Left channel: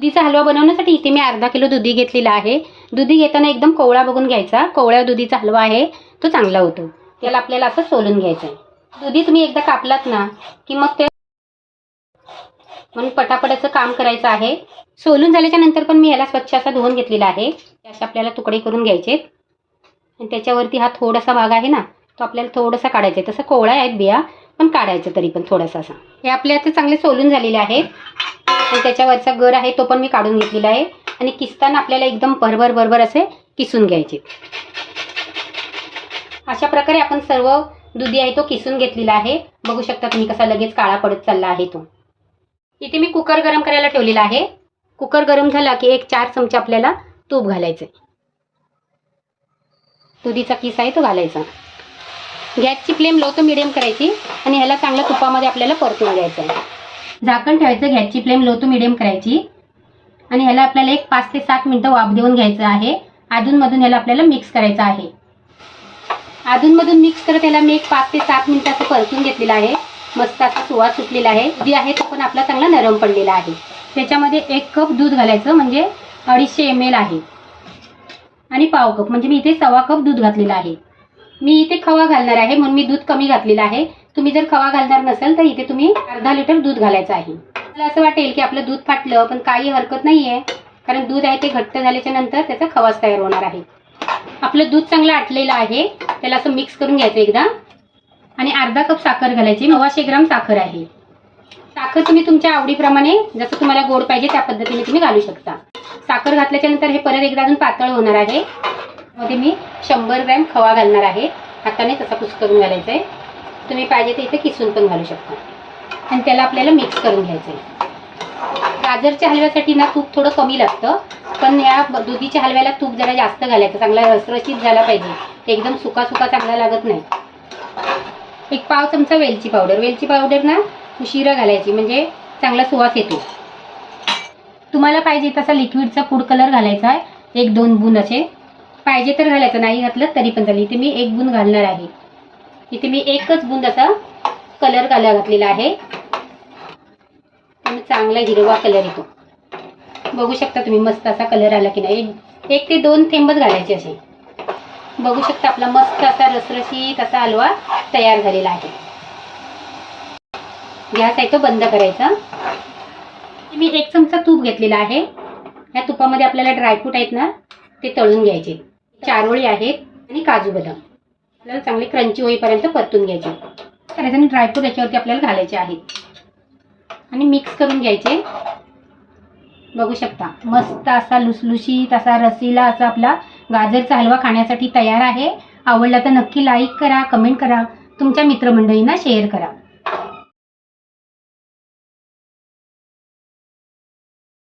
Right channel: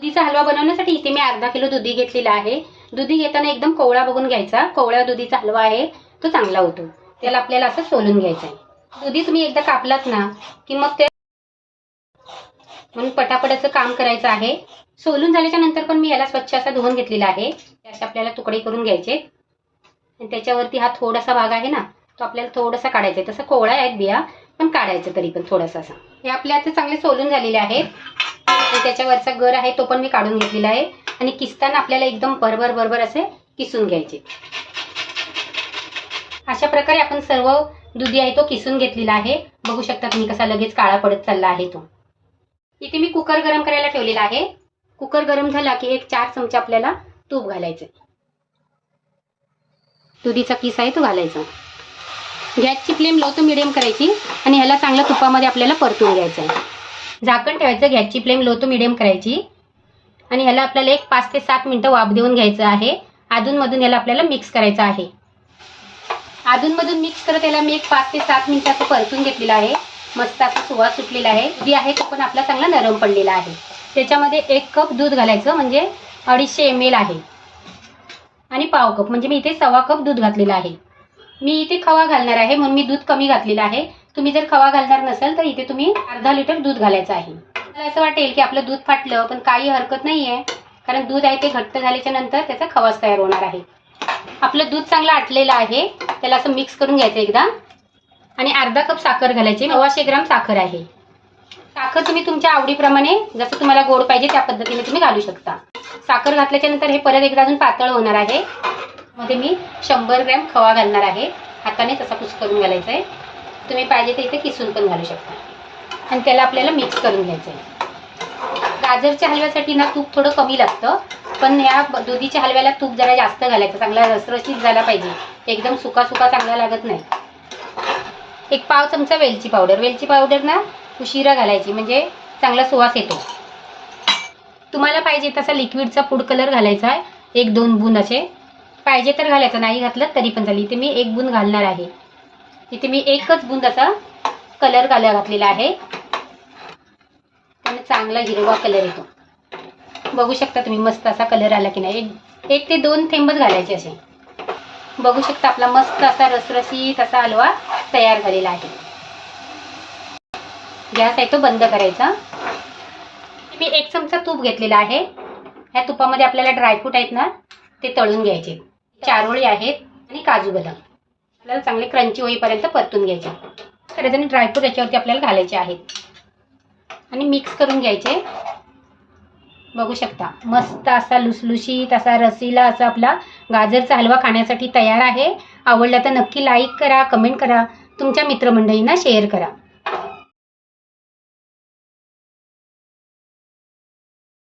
दुधीचा हलवा बनवण्यासाठी इथे मी अर्धा किलो दुधी घेतलेला आहे. दुधी घेताना एकदम कोवळा बघून घ्यायचा. कोवळ्या दुधीचा हलवा आहे. तो चांगला होतो. त्याला आपल्याला असं सोलून घ्यायचं आहे. दुधी तुम्ही एकदा कापलात ना की मग ते म्हणून पटापटाचं काम करायचं आहे. सोलून झाल्याच्यानंतर पण मी याला स्वच्छ असा धुवून घेतलेला आहे. त्याचे आपल्याला तुकडे करून घ्यायचे. आणि त्याच्यावरती हा थोडासा भाग आहे ना तो आपल्याला थोडासा काढायचा आहे. तसं कोवळा आहेत बिया पण काढायचं तरी पण थोडासा असा. हे आपले आता चांगले सोलून झालेले आहेत. आणि त्याच्यावरचा गर आहे तो पण मी काढून घेतलेला आहे. आणि किसताना आपल्याला एकदम भरभर भरभर असे किसून घ्यायचे. अशा प्रकारे आपण सर्व दुधी आहे तो किसून घेतलेला आहे. बघू शकता तुम्ही कसा लगेच काळा पडत चालला आहे तो. इथे मी कुकर गरम करायला ठेवलेला आहे. कुकर गरम झाला की एक चार चमचे आपल्याला तूप घालायचं दुधीचा किस आहे तो घालायचा. गॅसची फ्लेम लो तर मिडियम करायची आणि ह्याला चांगलं तुपामध्ये आपल्याला परतून घ्यायचं आहे झाकण ठेवायचं गॅसची फ्लेम लो टू मिडियम करायची. आणि ह्याला आपल्याला एक पाच ते सात मिनटं वाफ देऊन घ्यायचं आहे. अधूनमधून ह्याला आपल्याला मिक्स करायचं आहे. अधूनमधून मिक्स करत याला मी एक पाच ते सात मिनिटाचं परतून घेतलेला आहे. मस्त असा सुवास सुटलेला आहे. जी आहे तो पण आपला चांगला नरम पडलेला आहे. त्याच्यामध्ये एक कप दूध घालायचं म्हणजे अडीचशे एम एल आहे. आणि पाव कप म्हणजे मी इथे सव्वा कप दूध घातलेलं आहे. मी इथे खवा घालणार आहे म्हणून मी दूध कमी घातलेलं आहे. तुम्ही जर खवा घालणार नसेल तर इथे तुम्ही अर्धा लिटर दूध घालायचं आहे. मला असं वाटेल की आपलं दूध फाटलं पण काही हरकत नाही आहे कारण दूध आहे ते घट्ट झाल्याच्यानंतर त्याचा खवाच तयार होणार आहे. आपलं दूध चांगलं आटलेलं आहे. त्याला असं मिक्स करून घ्यायचं एकदा. आणि अर्धा कप साखर घालायची. नव्वाशे ग्राम साखर आहे. साखर तुम्ही तुमच्या आवडीप्रमाणे जसं तुम्हाला गोड पाहिजे त्या पद्धतीने तुम्ही घालू शकता. साखर घातल्याच्या नंतर हे परत एकदा अजून पातळ होणार आहे. मध्ये मी शंभर ग्रॅम खवा घालणार आहे. हाताने तसा कुस करून घालायचा आहे तुम्ही पाहिजे तर इथे किसून पण घालू शकता. आणि त्याला आपल्याला मिक्स करून घ्यायचं आहे गाजरच्या हलव्यासाठी ना तूप थोडं कमी लागतं पण या दुधीच्या हलव्याला तूप जरा जास्त घालायचं. चांगला रसरशीत झाला पाहिजे. एकदम सुका सुका चांगला लागत नाही. एक पाव चमचा वेलची पावडर. वेलची पावडर ना उशिरा घालायची म्हणजे चांगला सुवास येतो. तुम्हाला पाहिजे तसा लिक्विडचा फूड कलर घालायचा आहे. एक दोन बूंद असे. पाहिजे तर घालायचं. नाही घातलं तरी पण चालेल. इथे मी एक बूंद घालणार आहे. इथे मी एकच बुंद असा कलर घाला घातलेला आहे. आणि चांगला हिरवा कलर येतो. बघू शकता तुम्ही मस्त असा कलर आला की नाही. एक एक ते दोन थेंबच घालायचे असे. बघू शकता आपला मस्त असा रसरशीत असा हलवा तयार झालेला आहे. गॅस आहे तो बंद करायचा. मी एक चमचा तूप घेतलेला आहे. ह्या तुपामध्ये आपल्याला ड्रायफ्रूट आहेत ना ते तळून घ्यायचे. चारोळी आहेत आणि काजू बदाम. आपल्याला चांगले क्रंची होईपर्यंत परतून घ्यायचे. करायचं आणि ड्रायफ्रूट याच्यावरती आपल्याला घालायचे आहेत. आणि मिक्स करून घ्यायचे. बघू शकता. मस्त असा लुसलुशीत असा रसीला असा आपला गाजरचा हलवा खाण्यासाठी तयार आहे. आवडला तर नक्की लाईक करा कमेंट करा. तुमच्या मित्रमंडळींना शेअर करा.